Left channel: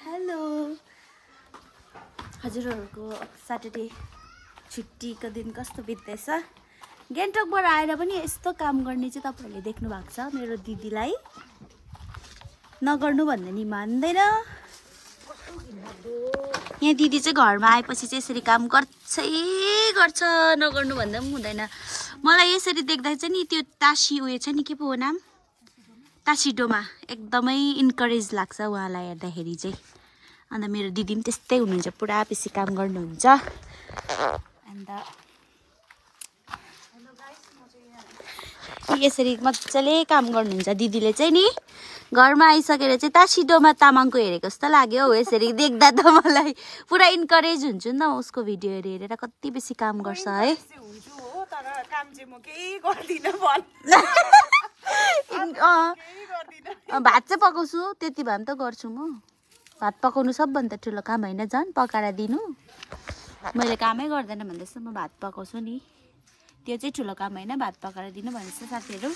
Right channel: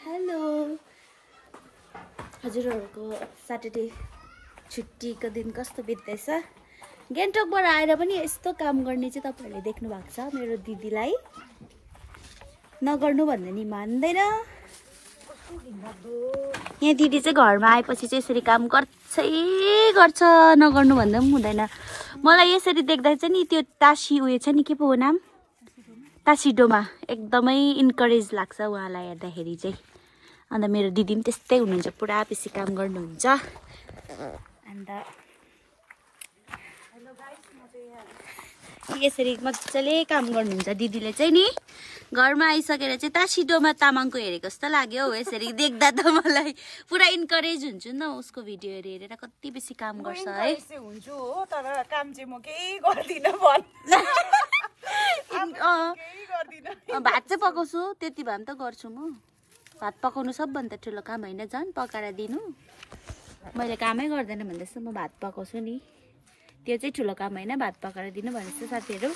hello हजुरहरूको Saturday छुट्टीको दिन कस्तो बित्दैछ गान्तोकबाट आएर पनि यस्तो काम गर्ने चाहिँ तपाईहरुले देख्नु भएको छ मेरो दिदीलाई नगर्नु भन्दा नि मान्दैन यहाँ दिदी चाहिँ घरमा आएपछि चाहिँ यसरी काम गर्छ नगर्नु भन्दा पनि हुँदैन मलाई यसरी देख्दा चाहिँ नि त्यो तासी उयो छ नि के पो हो नाम तासिडोमा एकदमै इन्करेज लाग्छ उहाँलाई हेर्दाखेरि चाहिँ अन्त मेरो दिदी पनि त्यस्तै हुनुहुन्छ पुरा बेसी काम गर्नुहुन्छ अन्त हेलो गाइस म चाहिँ यहाँ यसरी मज्जाले काम गर्नुहुन्छ दिदीले चाहिँ नि घरमा आइसकेर चाहिँ तासिडोमा तामाङको हेरेको जस्तो लाग्यो हौ यसरी देख्दा त मलाई पुरा इन्करेज हुन्छु नि त उसको भिडियो हेरेर कति बेसी काम गर्छ है हुन्छु हो तर काम चाहिँ म केही गर्दिन भन भात चाहिँ पकाउँछु त्यति भए पनि त गर्छु म भात पकाउनु सबभन्दा ठुलो काम होइन झन् पकाएर दिनु मैले कामै गर्दैन भन्दा जस्तो म भात पकाउँछु नि त्यो चाहिँ ठुलो काम होइन भात पकाएर दिनु भनेको साथीहरू